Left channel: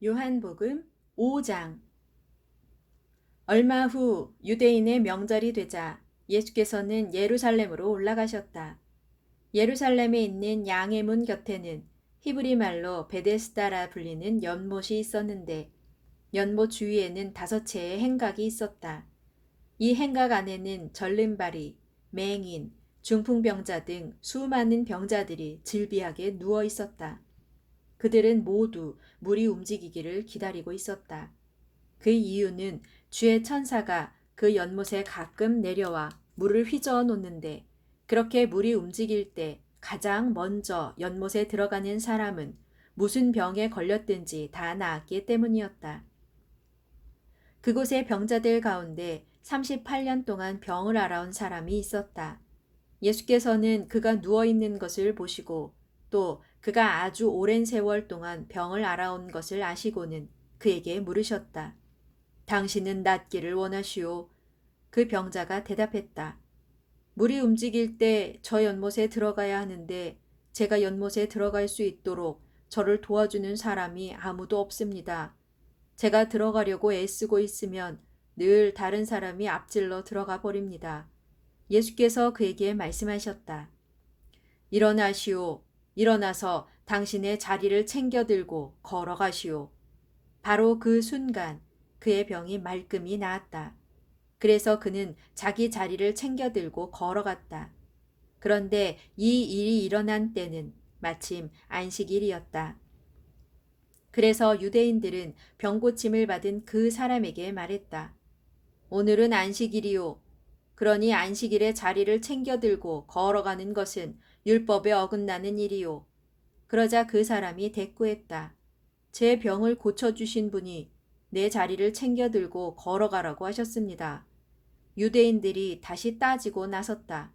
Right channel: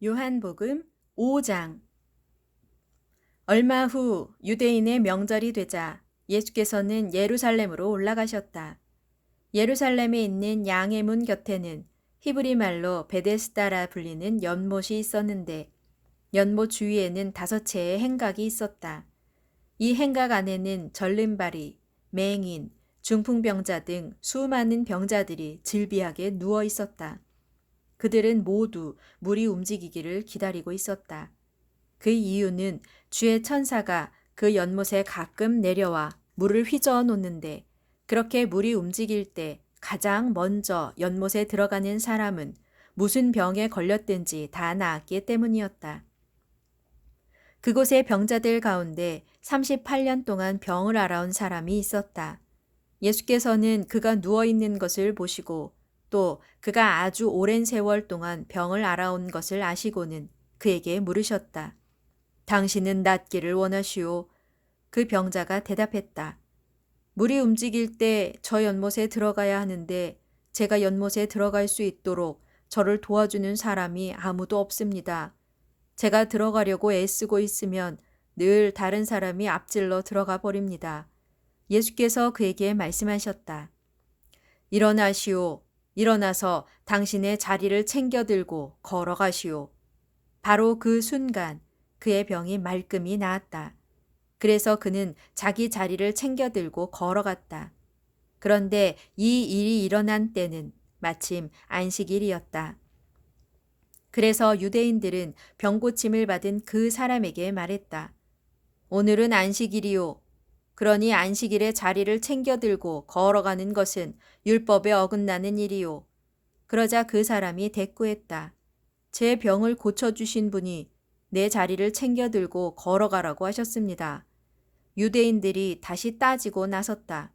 요한복음 5장. 얼마 후 유대인의 명절이 되자 예수께서는 예루살렘으로 올라가셨다. 예루살렘에 있는 양의 문 곁에는 히브리 말로 베데스다라 불리는 연못이 있었는데 연못 주위에는 5채의 행각이 있었다. 이 행각 안에는 절름발이, 맹인, 중풍병자 등 수많은 병자들이 질비하게 누워 있었다. 그들은 모두 물이 움직이기를 기다리고 있었다. 그 이유는 주의 천사가 그 연못에 가끔 내려와 물을 휘저어 놓는데 그렇게 물이 움직일 때 가장 먼저 연못에 들어가는 사람은 무슨 병에 걸렸든지 다 나았기 때문이었다. 그곳의 병자들 가운데 38년 동안 병을 앓아온 사람이 있었다. 예수께서는 그가 누워 있는 것을 보시고 또 그가 아주 오랜 세월 동안 병을 앓아온 것을 아시고는 그에게 물으셨다. 당신은 낫기를 원하시오? 그 병자가 대답했다. 물이 움직일 때 저 연못에 들어가야 하는데 제가 연못에 들어갈 수 있도록 저를 도와주는 사람이 아무도 없습니다. 제가 들어가려고 애쓰고 있으면 늘 다른 사람이 앞질러 들어가 버립니다. 예수께서 그에게 말씀하셨다. 일어나시오. 일어나서 당신의 자리를 챙겨 들고 걸어가시오. 바로 그 순간 그의 병이 말끔히 나았다. 그래서 그는 자기 자리를 챙겨 들고 걸어갔다. 그런데 이 일이 일어난 때는 마침 안식일이었다. 그래서 유대인들은 병고침을 받은 그 사람에게 말했다. 오늘은 안식일이요. 그러니 안식일에 자리를 챙겨 들고 걸어가는 것은 율법에 어긋나는 일이요. 그러자 그 사람이 대꾸했다. 제 병을 고쳐주신 분이 내 자리를 챙겨 들고 걸어가라고 하셨습니다. 유대인들이 다시 따지고 나섰다.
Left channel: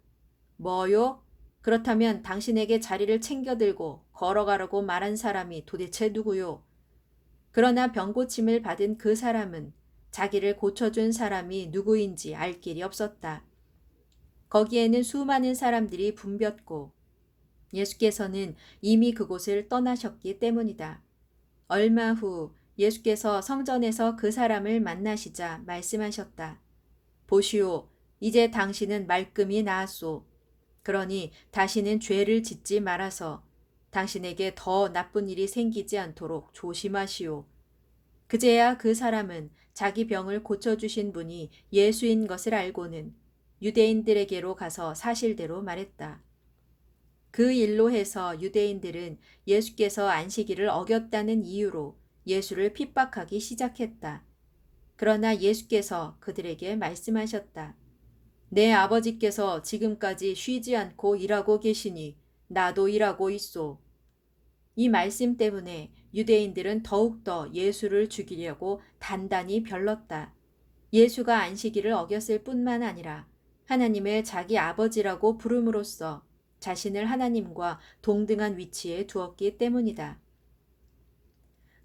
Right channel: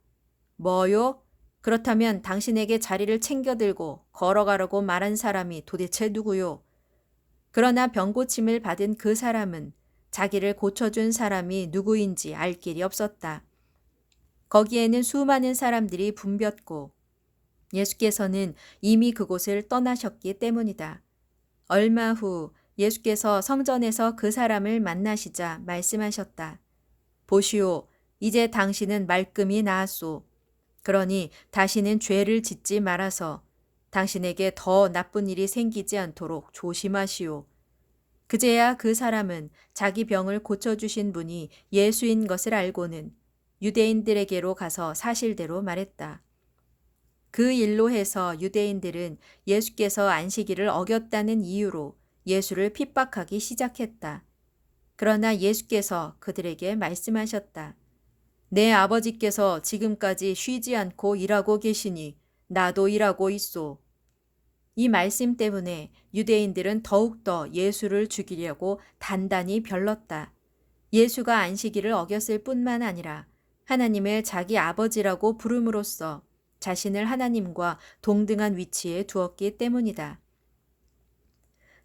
뭐요? 그렇다면 당신에게 자리를 챙겨 들고 걸어가라고 말한 사람이 도대체 누구요? 그러나 병고침을 받은 그 사람은 자기를 고쳐준 사람이 누구인지 알 길이 없었다. 거기에는 수많은 사람들이 붐볐고 예수께서는 이미 그곳을 떠나셨기 때문이다. 얼마 후 예수께서 성전에서 그 사람을 만나시자 말씀하셨다. 보시오, 이제 당신은 말끔히 나았소. 그러니 다시는 죄를 짓지 말아서 당신에게 더 나쁜 일이 생기지 않도록 조심하시오. 그제야 그 사람은 자기 병을 고쳐주신 분이 예수인 것을 알고는 유대인들에게로 가서 사실대로 말했다. 그 일로 해서 유대인들은 예수께서 안식일을 어겼다는 이유로 예수를 핍박하기 시작했다. 그러나 예수께서 그들에게 말씀하셨다. 내 아버지께서 지금까지 쉬지 않고 일하고 계시니 나도 일하고 있소. 이 말씀 때문에 유대인들은 더욱더 예수를 죽이려고 단단히 별렀다. 예수가 안식일을 어겼을 뿐만 아니라 하나님을 자기 아버지라고 부름으로써 자신을 하나님과 동등한 위치에 두었기 때문이다.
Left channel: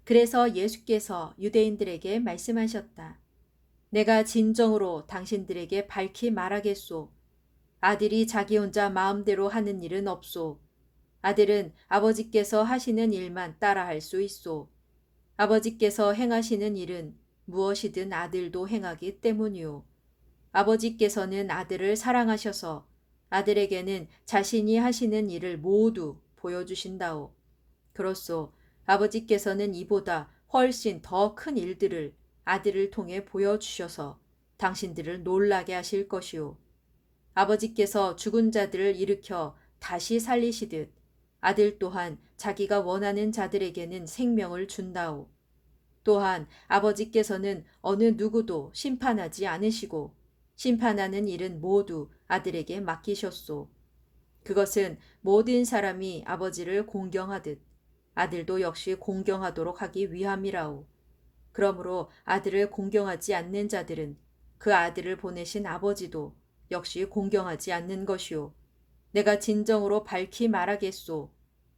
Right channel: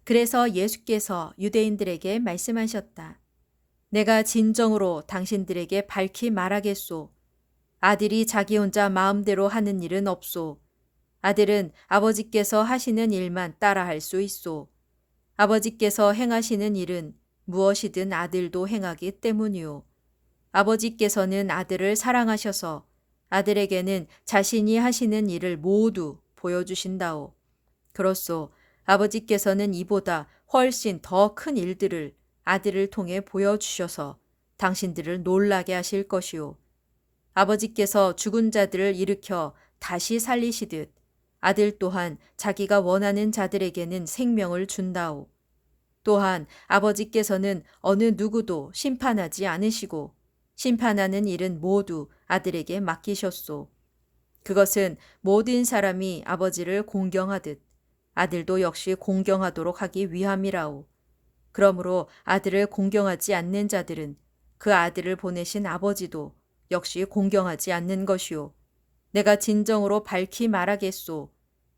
그래서 예수께서 유대인들에게 말씀하셨다. 내가 진정으로 당신들에게 밝히 말하겠소. 아들이 자기 혼자 마음대로 하는 일은 없소. 아들은 아버지께서 하시는 일만 따라할 수 있소. 아버지께서 행하시는 일은 무엇이든 아들도 행하기 때문이요. 아버지께서는 아들을 사랑하셔서 아들에게는 자신이 하시는 일을 모두 보여주신다오. 그렇소. 아버지께서는 이보다 훨씬 더 큰 일들을 아들을 통해 보여주셔서 당신들을 놀라게 하실 것이오. 아버지께서 죽은 자들을 일으켜 다시 살리시듯 아들 또한 자기가 원하는 자들에게는 생명을 준다오. 또한 아버지께서는 어느 누구도 심판하지 않으시고 심판하는 일은 모두 아들에게 맡기셨소. 그것은 모든 사람이 아버지를 공경하듯 아들도 역시 공경하도록 하기 위함이라오. 그러므로 아들을 공경하지 않는 자들은 그 아들을 보내신 아버지도 역시 공경하지 않는 것이오. 내가 진정으로 밝히 말하겠소.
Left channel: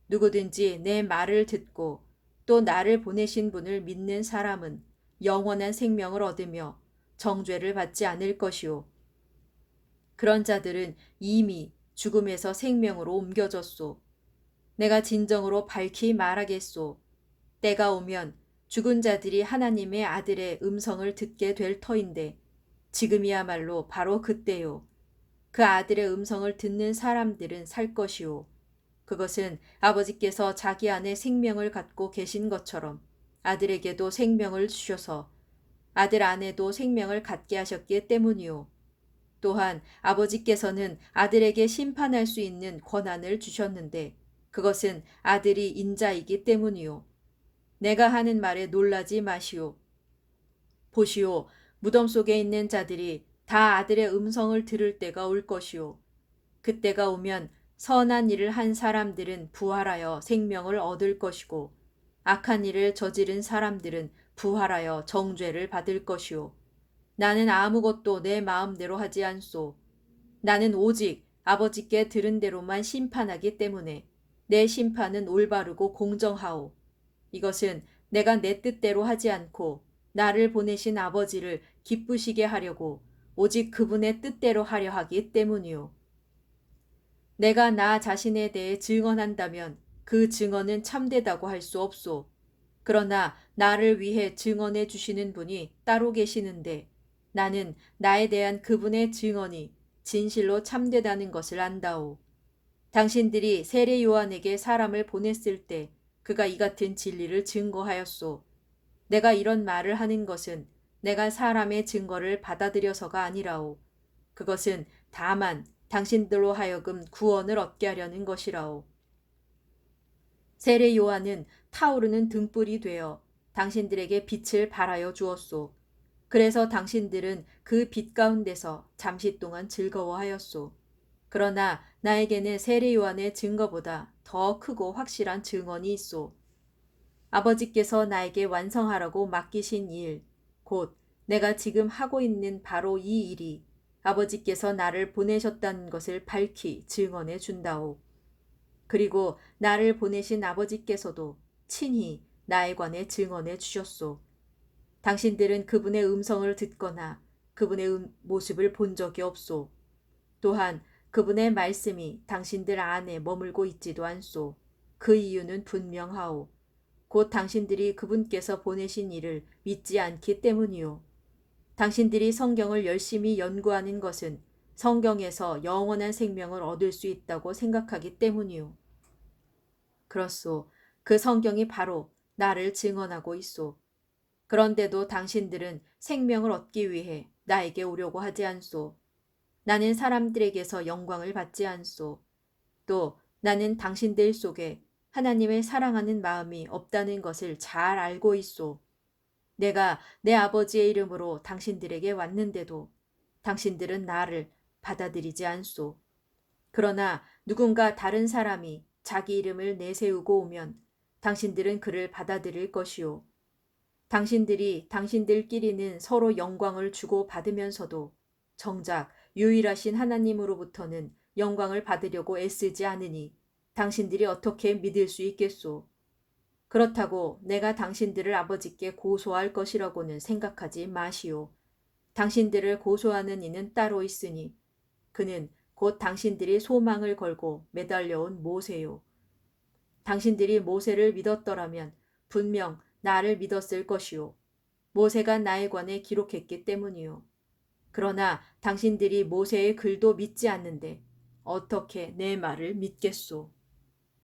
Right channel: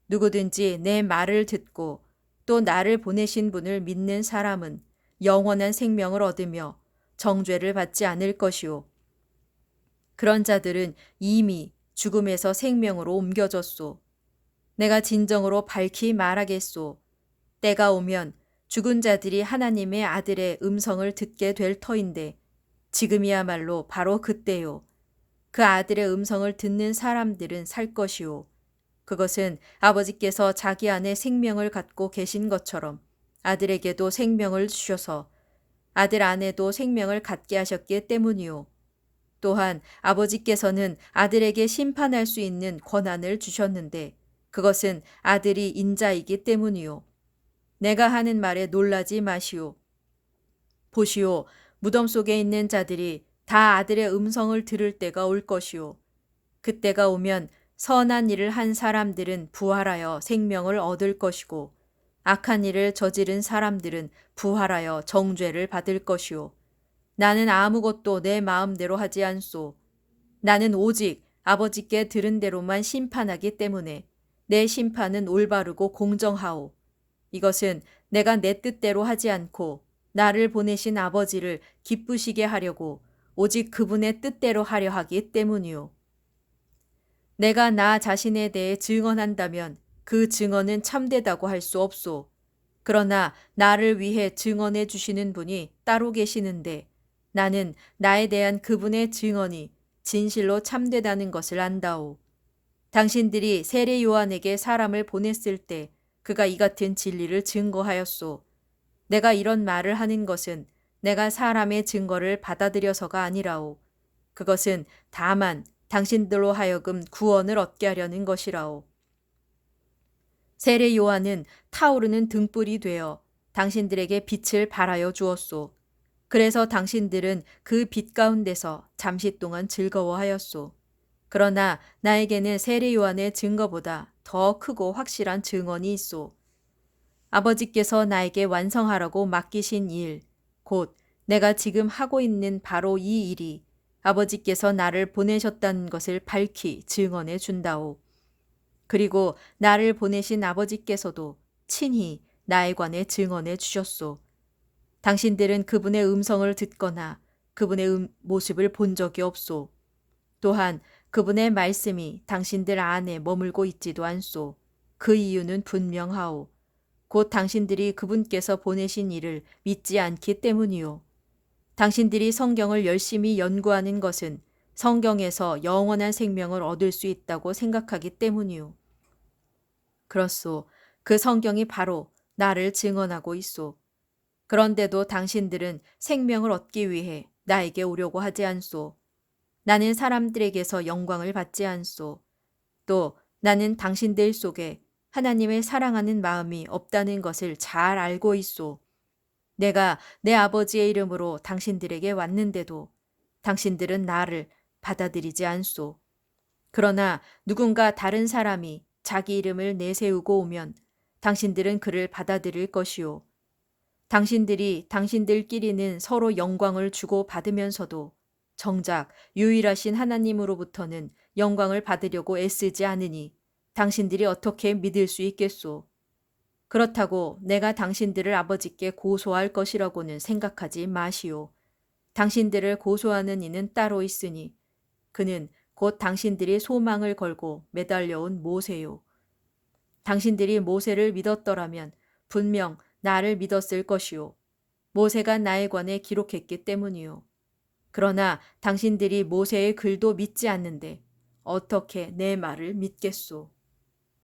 누구든지 내 말을 듣고 또 나를 보내신 분을 믿는 사람은 영원한 생명을 얻으며 정죄를 받지 않을 것이오. 그런 자들은 이미 죽음에서 생명으로 옮겨졌소. 내가 진정으로 밝히 말하겠소. 때가 오면 죽은 자들이 하나님의 아들의 음성을 듣게 될 터인데 지금이야말로 바로 그때요. 그 아들의 음성을 듣는 사람들은 살 것이요. 그것은 아버지께서 자기 안에 생명을 갖고 계신 것처럼 아들에게도 생명을 주셔서 아들 안에도 생명을 갖게 하셨기 때문이요. 또한 아버지께서는 아들에게 심판할 수 있는 권한을 주셨는데 그것은 아들이 인자이기 때문이요. 내가 하는 말에 놀라지 마시오. 보시오, 무덤 속에 있는 자들이 다 아들의 음성을 들을 때가 올 것이오. 그때가 오면 선한 일을 한 사람들은 부활하여 생명을 얻을 것이고 악한 일을 저지른 사람들은 부활하여 정죄를 받을 것이오. 나는 아무것도 내 마음대로 하지 않소. 나는 오직 아버지께 들은 대로만 심판하기 때문에 내 심판은 올바르고 공정하오. 이것은 내가 내 뜻대로 하지 않고 나를 보내신 아버지를 기쁘시게 하려고 오직 그분의 뜻대로 하려 하기 때문이오. 내가 나 자신에 대해 증언한다면 그 증언은 참되다고 할 수 없소. 그러나 나를 위해 증언해 주시는 분이 따로 계시는데 나는 나에 대한 그분의 증언이 진실로 참되다는 것을 안다오. 당신들이 세례 요한에게 사람을 보냈을 때 그가 이 같은 진리를 증거하였소. 내가 이런 말을 하는 것은 내가 사람의 증거를 받아들여서가 아니라오. 그것은 다만 당신들로 하여금 구원을 얻게 하려는 것이라오. 세례 요한은 타오르는 등불이 되어 당신들에게 빛을 발하여 주었소. 그래서 당신들은 그 빛 가운데서 잠시 동안 즐거워하였소. 그러나 나에게는 세례 요한의 증거보다 더 크고 확실한 증언이 있소. 아버지께서 나에게 완성하라고 맡기신 일, 곧 내가 지금 하고 있는 바로 이 일이 아버지께서 나를 보내셨다는 것을 밝히 증언해 준다오. 그리고 나를 보내신 아버지께서도 친히 나에 관해 증언해 주셨소. 당신들은 그분의 음성을 듣거나 그분의 모습을 본 적이 없소. 또한 그분의 말씀이 당신들 안에 머물고 있지도 않소. 그 이유는 분명하오. 곧 당신들이 그분께서 보내신 이를 믿지 않기 때문이요. 당신들이 성경을 열심히 연구하는 것은 성경에서 영원한 생명을 얻을 수 있다고 생각하기 때문이요. 그렇소. 그 성경이 바로 나를 증언하고 있소. 그런데도 당신들은 생명을 얻기 위해 나에게 오려고 하지 않소. 나는 사람들에게서 영광을 받지 않소. 또 나는 당신들 속에 하나님을 사랑하는 마음이 없다는 것을 잘 알고 있소. 내가 내 아버지의 이름으로 당신들에게 왔는데도 당신들은 나를 받아들이지 않소. 그러나 누군가 다른 사람이 자기 이름을 내세우고 오면 당신들은 그를 받아들일 것이요. 당신들이 당신들끼리는 서로 영광을 주고 받으면서도 정작 유일하신 하나님으로부터는 영광을 받으려고 애쓰지 않으니 당신들이 어떻게 믿을 수 있겠소? 그렇다고 내가 당신들을 아버지께 고소할 것이라고는 생각하지 마시오. 당신들을 고소하는 이는 따로 있으니 그는 곧 당신들이 소망을 걸고 매달려온 모세요. 당신들이 모세를 믿었더라면 분명 나를 믿었을 것이요. 모세가 나에 관해 기록했기 때문이요. 그러나 당신들이 모세의 글도 믿지 않는데 어떻게 내 말을 믿겠소?